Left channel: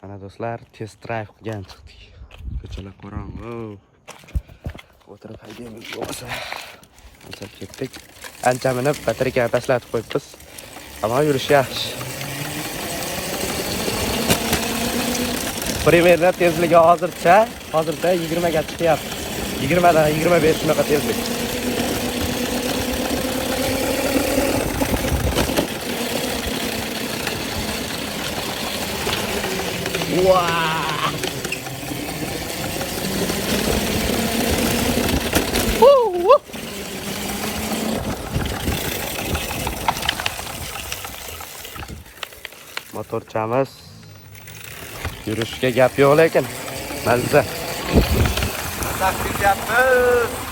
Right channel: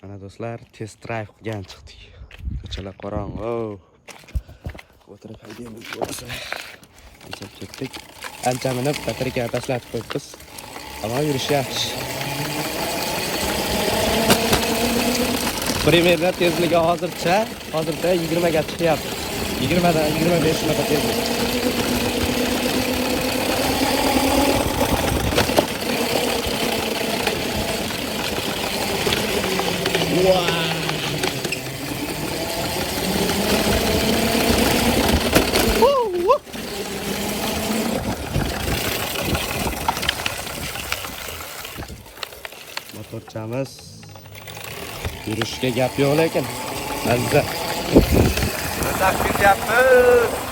Ana do'stlar, test drive qilgan chiqdik. Ko'chalar qorong'u. O'tirib haydaymiz bo'lsa. Biz ketdik. Ancha minib batareykani tashlatib qo'yibmiz. Ammo yurish yaxshi. Primerda tezligi hozircha 20 ga chiqyapti. 20 dan 25 shunaqa tezlik. Motorchamiz yurishga gap yo'q lekin mazza. Taksi yapmiz.